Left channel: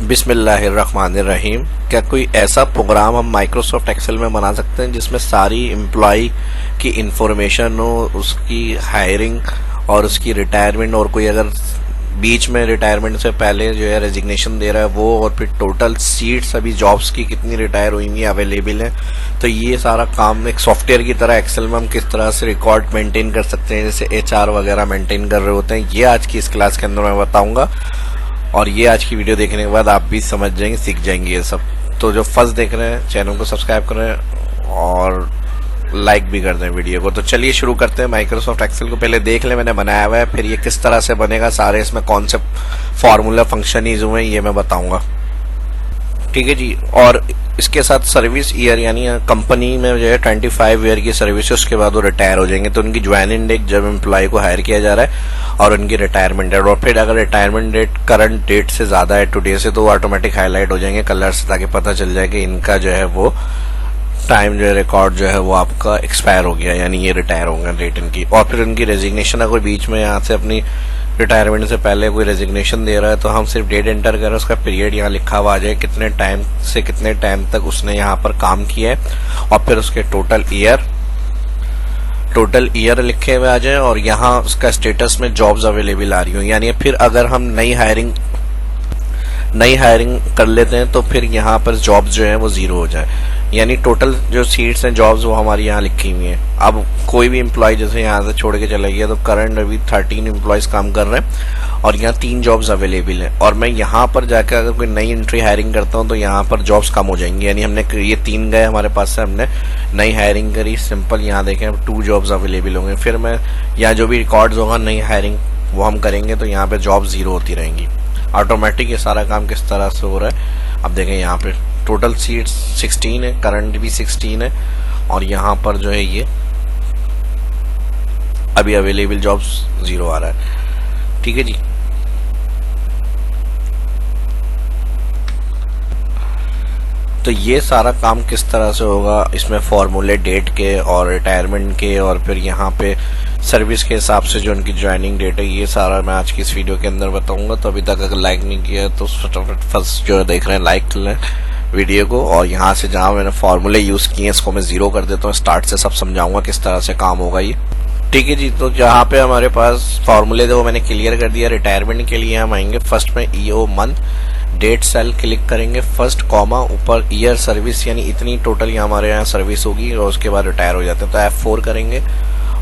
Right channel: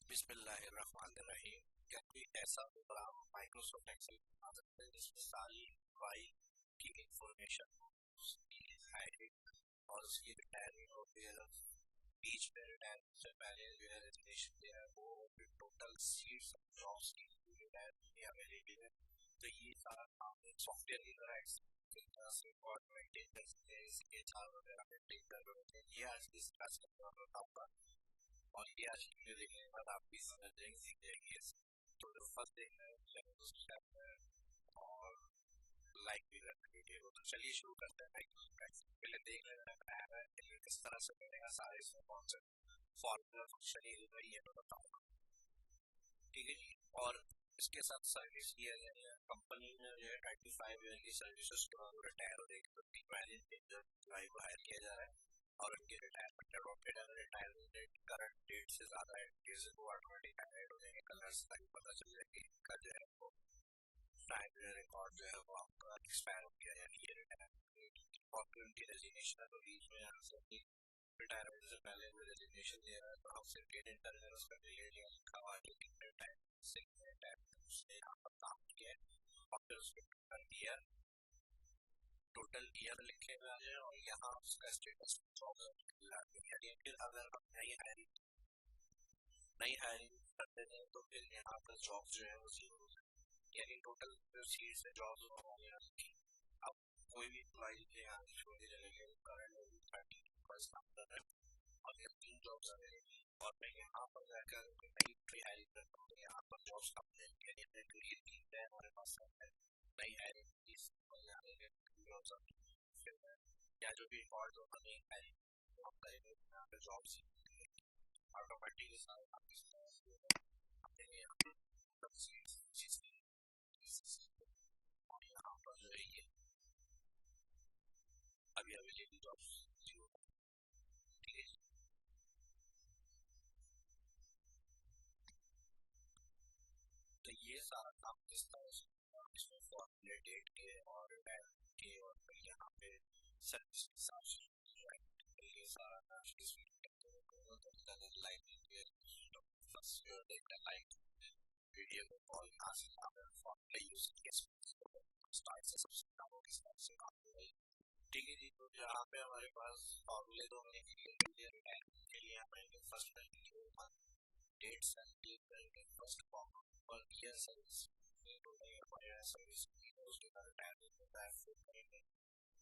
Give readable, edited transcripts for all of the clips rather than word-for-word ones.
बिस्मिल्लाहिर्रहमानिर्रहीम। क्या कोई ऐसा प्रोग्राम हम माइक्रोसॉफ्ट एक्सेल में बना सकते हैं जिसमें सारी एम्प्लॉय की इंफॉर्मेशन हो, उसकी हायरिंग और उसकी रिटायरमेंट, और कोई अगर बीच में रिटायरमेंट से पहले जो है रेजिग्नेशन दे रहा है वो, और फिर टोटल सीट्स अभी जॉब्स की कितनी रिटायर हुई हैं अवेलेबल हैं। तो ये सारा काम एक सॉफ्टवेयर की तरह एक्सेल में हम किस तरह से रिकॉर्ड मेंटेन कर सकते हैं, जैसे एचआर वगैरह मेंटेन कर रहे होते हैं, ये आज की इस क्लास के अंदर मैं बताऊंगा। और ये आज की वीडियो देखने के बाद आप भी समझ जाएंगे, सीख जाएंगे ये सब। तो जो फर्स्ट देख रहे हैं चैनल को सब्सक्राइब करें और लाइक भी कर दें वीडियो को। तो चलिए शुरू करते हैं। माइक्रोसॉफ्ट एक्सेल को पहले देख लें, मैंने बनाया हुआ है, फिर ये किस तरह से बनेगा, सारे इसमें कौन से फॉर्मूला फंक्शन यूज हुए ये मैं बताऊंगा। ठीक है जी। और इसके साथ सर्विस ईयर, यानी कंपनी में जो है 25 ईयर की सर्विस है, उसके बाद वो रिटायर हो जाएंगे। तो उनकी ज्वाइनिंग डेट जब एम्प्लॉय को हायर किया जा रहा है, और उनकी रिटायरमेंट डेट, और फिर अगर रिटायरमेंट डेट करंट डेट से ज्यादा है टुडे से, तो ऑटोमेटिक हाईलाइट हो जाएंगे कलर से, ताकि पता चल जाए कि इनका जो है वो टाइम जो है रिकॉर्ड जो है वो आपका एक्सपायर हो गया, यानी ये रिटायर होंगे डेट इनकी। और फिर उनकी रेजिग्नेशन, अगर बीच में यहाँ से अपनी रिटायरमेंट से पहले कोई रेजिग्नेशन दे रहा है तो हम सिर्फ डेट एंटर करें, उसका पीरियड यहाँ लिखा हुआ आ जाए, कितने टाइम से कितने टाइम तक उसने यहाँ पर काम किया है, और फिर उसके टोटल ईयर लिखे हुए आ जाए, और यहाँ उसका स्टेटस में जॉब्स अवेलेबल आ रही हो। यानी फिर अगर हम नई हायरिंग कर लेते हैं तो फिर यहाँ पर जॉब्स जो है वो जीरो हो जाए, यानी टोटल जो सीट्स हैं जॉब्स वो हमारी यहाँ लिखी हुई हैं। अब कोई भी एम्प्लॉय जैसे यहाँ से छोड़ के चला गया, तो करंट अभी 13 एम्प्लॉयज काम कर रहे हैं और यहाँ 3 जॉब्स अवेलेबल हैं, और मैं यहाँ पर जाकर अगर कोई नई एंट्री हायरिंग करता हूँ तो यहाँ पर जॉब्स कम हो जाएंगी। यानी हमने ये 3 गए हमारे पास से, हमने नई हायरिंग करी, सिंपल यहाँ देखें 2 जॉब्स अवेलेबल होंगे। फिर मैं यहाँ जो भी रिकॉर्ड्स होगा नई हायरिंग वो हम करेंगे, तो यहाँ पे जॉब जीरो होती रहेंगी। ऑटोमेटिक ये सारा काम किस तरह से हो रहा है अब देखें। यहाँ पे टोटल सीट्स 16 है, करंट भी 16 है, और यहाँ पर जो है ये अभी अवेलेबल जॉब्स जीरो आ रहा है। ठीक है जी। तो ये सारा काम किस तरह से होगा, इसमें फॉर्मूले डेट के और रिटायरमेंट के, और फिर यहाँ पे सर्विस के हिसाब से जो उनकी ज्वाइनिंग डेट है, ये सारा मैं आज की इस वीडियो के अंदर बताऊंगा। तो अभी तक अगर लाइक नहीं किया तो फटाफट फर्स्ट जो देख रहे हैं लाइक कर लें वीडियो को, और यहाँ से जहाँ मैंने फॉर्मूले यूज किए इसको मैं जीरो कर देता हूँ, स्टार्ट से सब समझाऊंगा किस तरह से काम होगा ये। ठीक है जी। तो जहाँ पे हमारे पास फॉर्मूले थे वो मैंने क्लियर कर दिया। रिटायरमेंट के लिए हम आएंगे फर्स्ट में EO month, date cell click करेंगे, फर्स्ट कॉमा, ऊपर ईयर सर्विस, यानी इतनी टोटल यहाँ हमारे यहाँ सर्विस होगी, और उसके बाद रिटायर हो जाते हैं तो F4 करेंगे,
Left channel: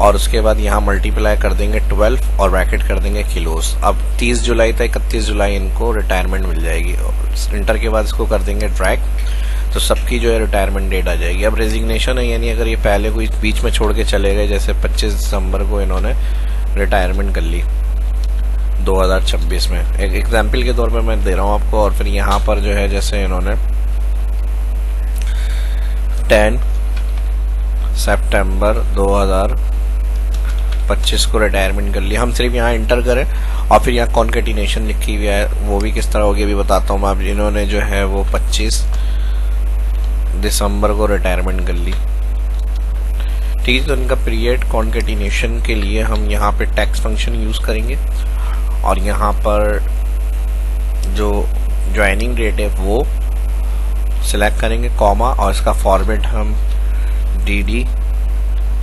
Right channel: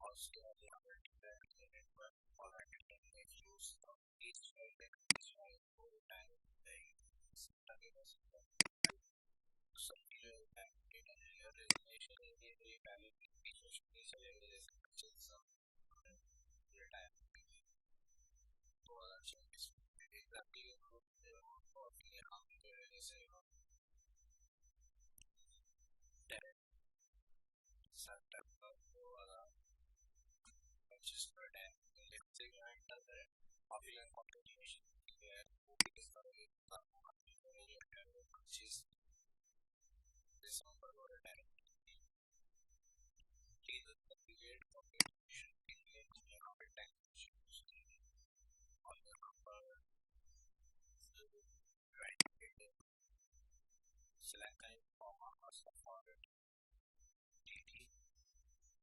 और उसके बाद यहाँ मल्टीप्लाई कर देंगे 12 और ब्रैकेट कर देंगे किलोस। अब 30 जुलाई तक 31 जुलाई इनको रिटायरमेंट मिल जाएगी, और इंटर के बाद इसको कर देंगे ड्रैग, तो सबकी जो है रिटायरमेंट डेट आ जाएगी। अब रेजिग्नेशन है, यानी अगर ये पहले कोई बीच में छोड़ के चले गए, जैसे 25 दिसंबर को इन्होंने रिटायरमेंट कर ली 2026 में, एक एग्जाम्पल के तौर पे मैं दे रहा हूँ आपको। और फिर यहाँ पर जो है जैसे इन्होंने 10 सितंबर 2025 को रिटायरमेंट कर लिया, हम सिर्फ यहाँ इंटर करें, और फिर यहाँ कॉन्केटिनेशन लिखी हुई है, वो भी किस तरह होगी अभी बताता हूँ मैं। अब इन्होंने जो है वो 25 दिसंबर को रिटायरमेंट कर ली। ठीक है। तो इनका पीरियड कॉन्केटिनेशन के लिए हम यहाँ पे टैक्स फंक्शन यूज करेंगे, और यहाँ पर जो ज्वाइनिंग डेट है वो सिलेक्ट करेंगे, कॉमा, और इसका फॉर्मेट हम DD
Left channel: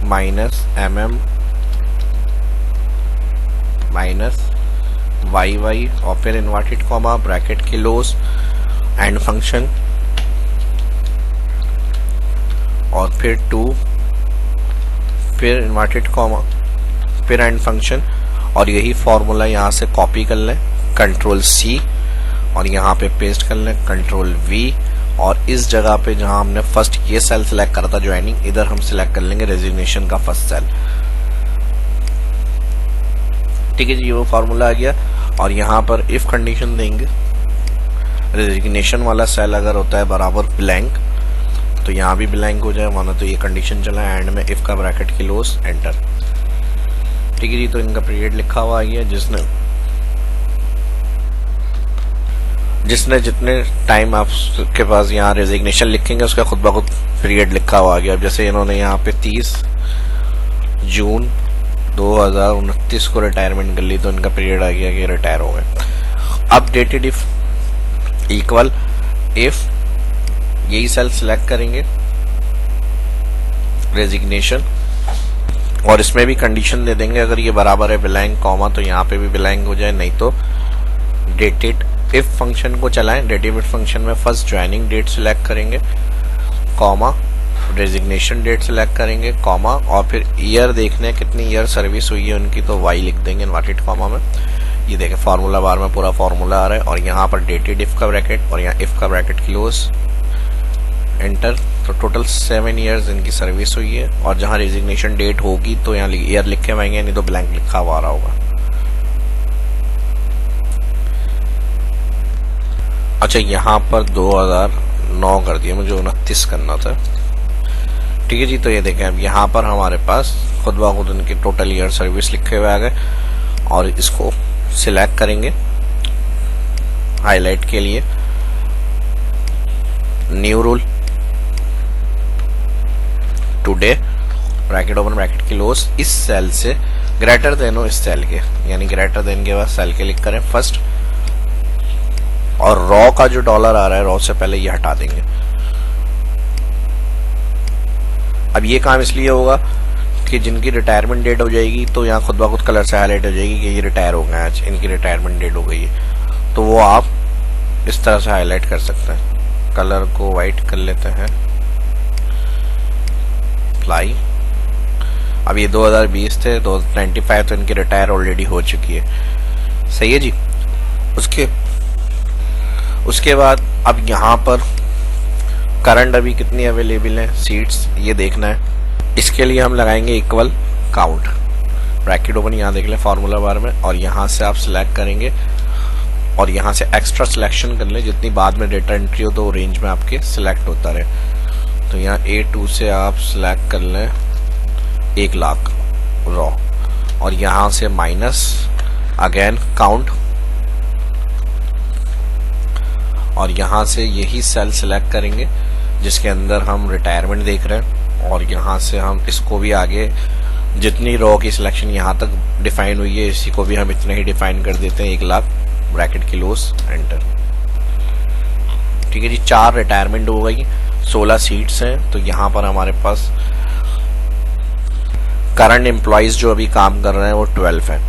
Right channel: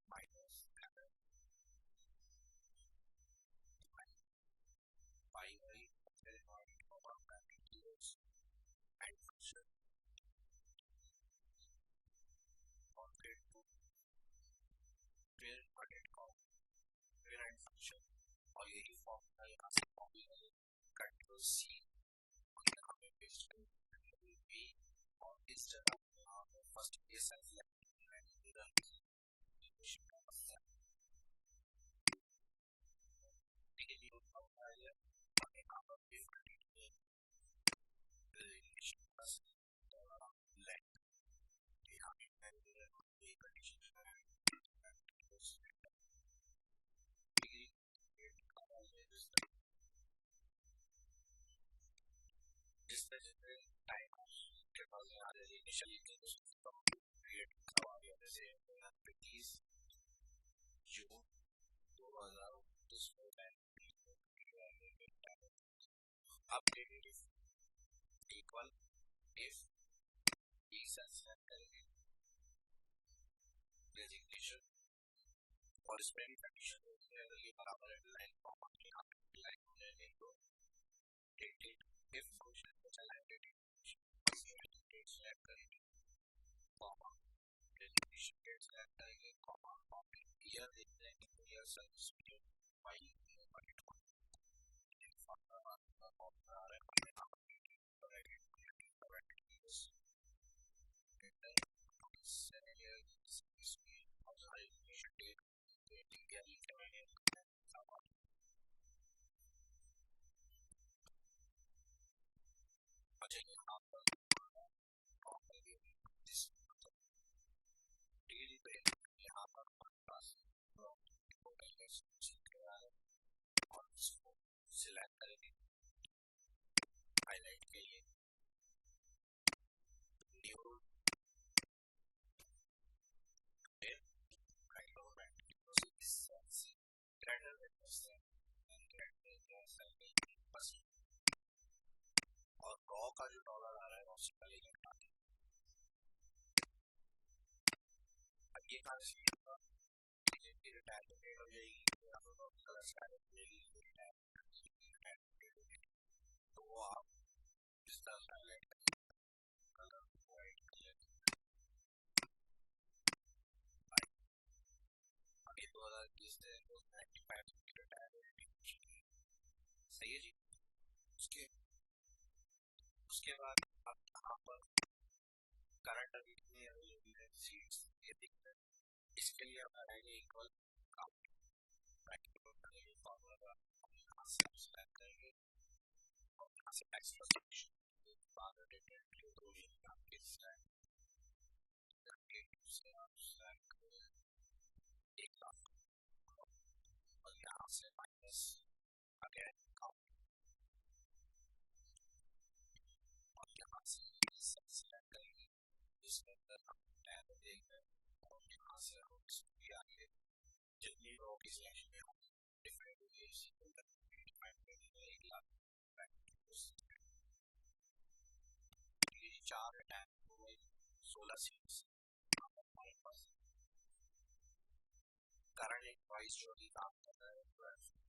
-MM -YY, और फिर inverted comma, bracket, किलोस, and function, और फिर 2, फिर इन्वर्टेड कॉमा, फिर एंड फंक्शन, और यही फॉर्मूला यहाँ से कॉपी कर लें, Ctrl+C, और यहाँ पे पेस्ट कर लें, Ctrl+V, और इस जगह पे जहां हमने फर्स्ट ये सेल सिलेक्ट करा था ज्वाइनिंग, इधर हम सिलेक्ट कर लेंगे रेजिग्नेशन का फर्स्ट सेल। ठीक है जी, ये वो फॉर्मूला आ गया। और यहाँ पर इफ कंडीशन देंगे, रेजिग्नेशन वाला सेल अगर होता है बराबर ब्लैंक, तो यहाँ भी ब्लैंक हो जाए, माना तो ये कंडीशन चला, एंड में इफ का ब्रैकेट क्लोज, एंटर। ठीक है जी। तो इनका पीरियड लिखा हुआ आ गया, जिसने जितने टाइम आपके पास यहाँ रेजिग्नेशन लिखेंगे उसका खुद ब खुद पीरियड लिखा हुआ आ गया। अब जैसे इन्होंने यहाँ पे 30 जून 2029 को रिटायरमेंट कर ली, तो इनका पीरियड आ गया कि रिटायर हो गए। अपडेटेड इफ इक्वल इफ, यही सेल सिलेक्ट करेंगे, रेजिग्नेशन, और इसमें भी कंडीशन दे देंगे, अगर ये बराबर है ब्लैंक कॉमा तो यहाँ पे भी ब्लैंक हो जाए, नहीं तो डेटेड। इफ फंक्शन को चलाएं, डेटेड फंक्शन में फर्स्ट ज्वाइनिंग डेट सिलेक्ट करेंगे, कॉमा, रेजिग्नेशन डेट सिलेक्ट करेंगे, कॉमा, और फिर ईयर देखने हैं कितनी ईयर सर्विस हुई है उनकी, तो वाई लिख देंगे इन्वर्टेड कॉमा में। ये देखें फार्मूला बार में पूरा फार्मूला आ रहा है, और यहाँ पर डेटेड इफ का ब्रैकेट और यहाँ इफ का ब्रैकेट क्लोज, एंटर। तो टोटल 7 ईयर्स इनकी सर्विस हुई है, और जहाँ रेजिग्नेशन डेट होगी तो यहाँ ईयर लिखे हुए, नहीं तो ब्लैंक लिखा हुआ आ रहा होगा। अच्छा, यहाँ पर 2009 कर दिया, मुझे 29 करना था। ठीक है जी, तो ये देखें अब यहाँ पर हमारे पास खुद ब खुद इनके टोटल ईयर सर्विस लिखे हुए आ गए, और इसको सिलेक्ट करेंगे हाईलाइट के लिए, new rule, today, bracket open bracket close, इस सेल से ग्रेटर देन हो इस सेल के, यानी ग्रेटर देन के बाद सेल के क्लिक करें फर्स्ट, और रॉ का जो डॉलर आ रहा है रॉ से पहले ये हटा देंगे। अब ये काम इसलिए होगा कि जिनकी रिटायरमेंट डेट हो जाएगी तो यहाँ खुद ब खुद कलर से हाईलाइट हो जाएगी कि ये रिटायर हो गए, आज इनकी रिटायरमेंट डेट हो गई है, तो वो आप इस तरह से हाईलाइट कर सकते हैं। कलर को वाइट कर लेते हैं, अप्लाई। अब ये 2020 थे, 95 तो इनकी रिटायर ऑलरेडी हो चुकी है। सही है जी। उसके बाद अब यहाँ पर करंट अभी कितनी अवेलेबल है सीट्स, ये देखना है। इसके लिए हम लगाएंगे इक्वल काउंट, ब्रैकेट ओपन, यहाँ देख लें फार्मूला बार में, और यहाँ से आप सिलेक्ट करेंगे, और यहाँ से एक्स्ट्रा सिलेक्शन कर लें, जितनी बाद में डेटा एंट्री हो तो रेंज में आपके सिलेक्ट होता रहे। तो यहाँ A2 से आप सिलेक्ट कर लें 1 लाख रॉ, और यहाँ से माइनस अगेन काउंट, और यहाँ से यही सेल सिलेक्ट करेंगे जिसके अंदर हम रिटायरमेंट देख रहे हैं, और यहाँ से हम इसको भी आगे जितनी रॉ की सिलेक्शन यहाँ तक डिफाइन हुई है इसी को भी हम इतना ही डिफाइन कर देते हैं, 1 लाख, ब्रैकेट क्लोज, एंटर। ठीक है जी, 4 रिटायरमेंट हो गई, 16 सीट्स हैं। तो यहाँ पर हमारे पास करंट एम्प्लॉइज जो अभी काम कर रहे हैं वो 12 है,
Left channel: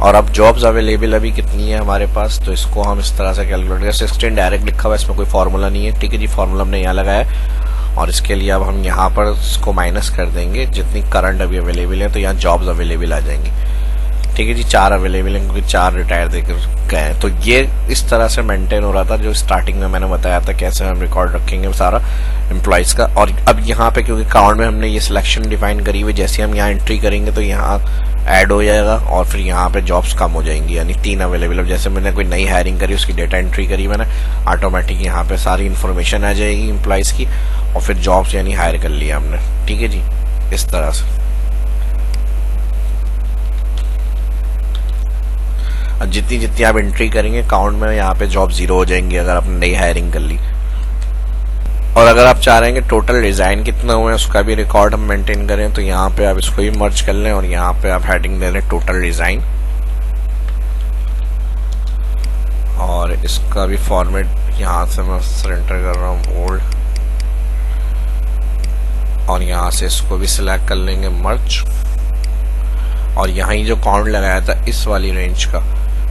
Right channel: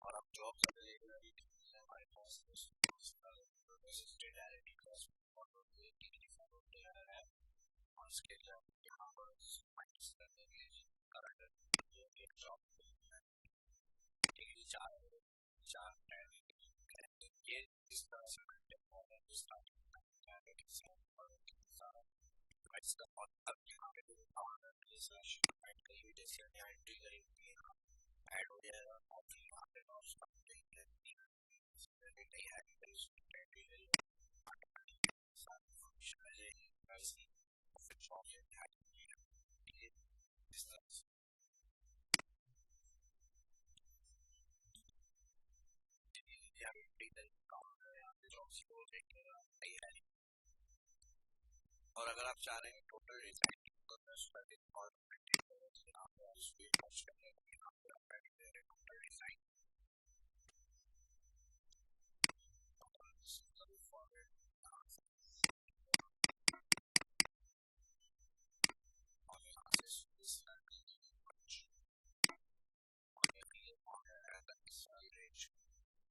और अब जॉब्स अवेलेबल अभी कितनी है हमारे पास, तो इसको हम इस तरह से कैलकुलेट करें। 16 डायरेक्ट लिखा हुआ है, इसमें कोई फार्मूला नहीं है। ठीक है जी, फार्मूला हमने यहाँ लगाया, और इसके लिए अब हम यहाँ पर इसको माइनस कर देंगे जितनी करंट अभी अवेलेबल है, तो यहाँ जॉब्स अवेलेबल आ जाएंगी। ठीक है जी, 4 अवेलेबल हैं क्योंकि 4 रिटायर देकर गए हैं। तो ये इस तरह से मेंटेन हो रहा था, जो स्टार्टिंग में मैंने बताया था कैसे हम रिकॉर्ड रखेंगे सारा एम्प्लॉइज का। और अब यहाँ पे क्योंकि काउंट में हमने ये सिलेक्शन डिफाइन करी हुई, जैसे हम यहाँ एंट्री करेंगे तो यहाँ ऐड हो जाएगा, और फिर यहाँ पे जॉब्स कम हो जाएंगी, यानी 3 अवेलेबल। अब जैसे मैंने कोई नई हायरिंग करी, उसकी डेटा एंट्री करी मैंने, ऑटोमेटिक यहाँ पे सारी इन्फॉर्मेशन आ जाएगी एम्प्लॉइज की, और फिर जॉब्स यानी हायर कर लिया हमने। ठीक है जी, इस तरह से। अब जितनी जितनी आप एंट्री करेंगे काउंट में, यहाँ पे जॉब 0 हो जाएंगी अगर आपने नई हायरिंग कर ली। और अगर आप चाह रहे हैं कि टोटल डिजाइन कितना हुआ है उसका भी रिकॉर्ड हम मेंटेन करें, तो यहाँ पे आप इसको भी मर्ज कर लें, और यहाँ पे आप हेडिंग दे लें टोटल डिजाइन, और इसका भी फॉर्मेट यहाँ से मैं सरेंडर कर रहा हूँ ओल्ड, और यहाँ से इसको भी सिलेक्ट कर लेंगे मर्ज, और यहाँ ही जो काउंट लगाया था इस वाली रेंज का,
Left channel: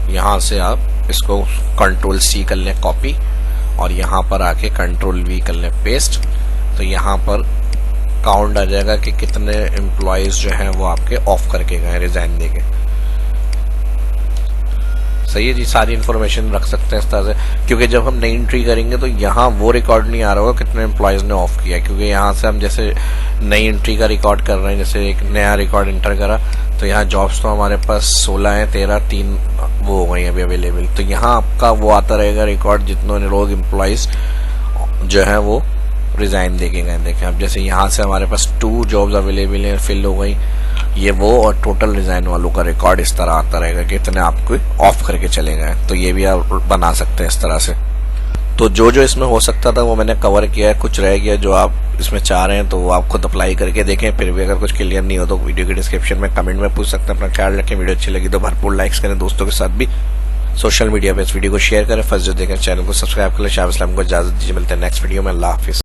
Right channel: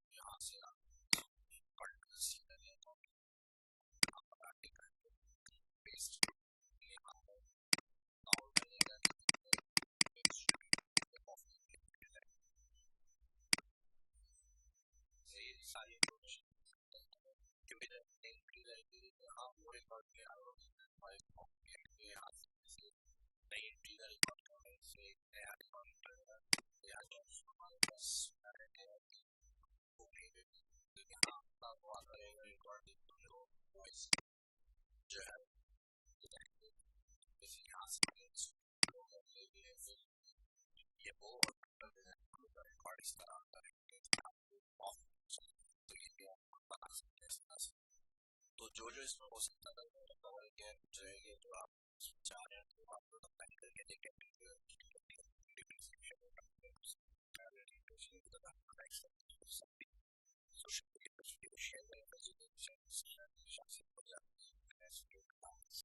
यहाँ से आप इसको Ctrl+C कर लें कॉपी, और यहाँ पर आके Ctrl+V कर लें पेस्ट। तो यहाँ पर काउंट आ जाएगा कि कितने एम्प्लॉयज जो हैं वो आपके ऑफ करके गए रिजाइन देके। सही है जी, सारी इन्फॉर्मेशन रख सकते हैं इस तरह से, क्योंकि जब हम नई एंट्री करेंगे तो यहाँ वो रिकॉर्ड नहीं आ रहा होगा कितने एम्प्लॉयज ने ऑफ किया, क्योंकि यहाँ से हम जैसे नई एंट्री का रिकॉर्ड कर रहे हैं, जैसे एक नया रिकॉर्ड एंटर करा, तो यहाँ जॉब्स तो हमारे पास 16 हैं, 13 3 वो हो गई अभी अवेलेबल। तो यहाँ आपका वो आता रहेगा रिकॉर्ड जितनों लोग एम्प्लॉयज जो है वो रिजाइन देके गए। देखें अब जैसे यहाँ से हमारे पास 2 जॉब्स अवेलेबल हैं, फिल हो गई, ये वो, और टोटल रिजाइन वालों का रिकॉर्ड इस तरह आता रहेगा कि इतने आपको ऑफ करके चले गए। तो ये भी आप बना सकते हैं इस तरह से। तो जो जो इसमें हो सकता था वो मैंने कवर किया है, कुछ रह गया जो आप इसमें चाह रहे हैं तो वो आप खुद अप्लाई करके देखें। फिर भी अगर कुछ क्लियर नहीं हो तो वीडियो के डिस्क्रिप्शन में कमेंट में पूछ सकते हैं। अपना ख्याल रखें, वीडियो अच्छी लगी तो भरपूर लाइक्स करें, दोस्तों के साथ भी सोशल मीडिया पे इस वीडियो को शेयर करें। फर्स्ट जो देखें चैनल को सब्सक्राइब कर लें। शाह इस्लाम को इजाजत दीजिए, मिलते हैं नेक्स्ट वीडियो में। अल्लाह हाफिज़।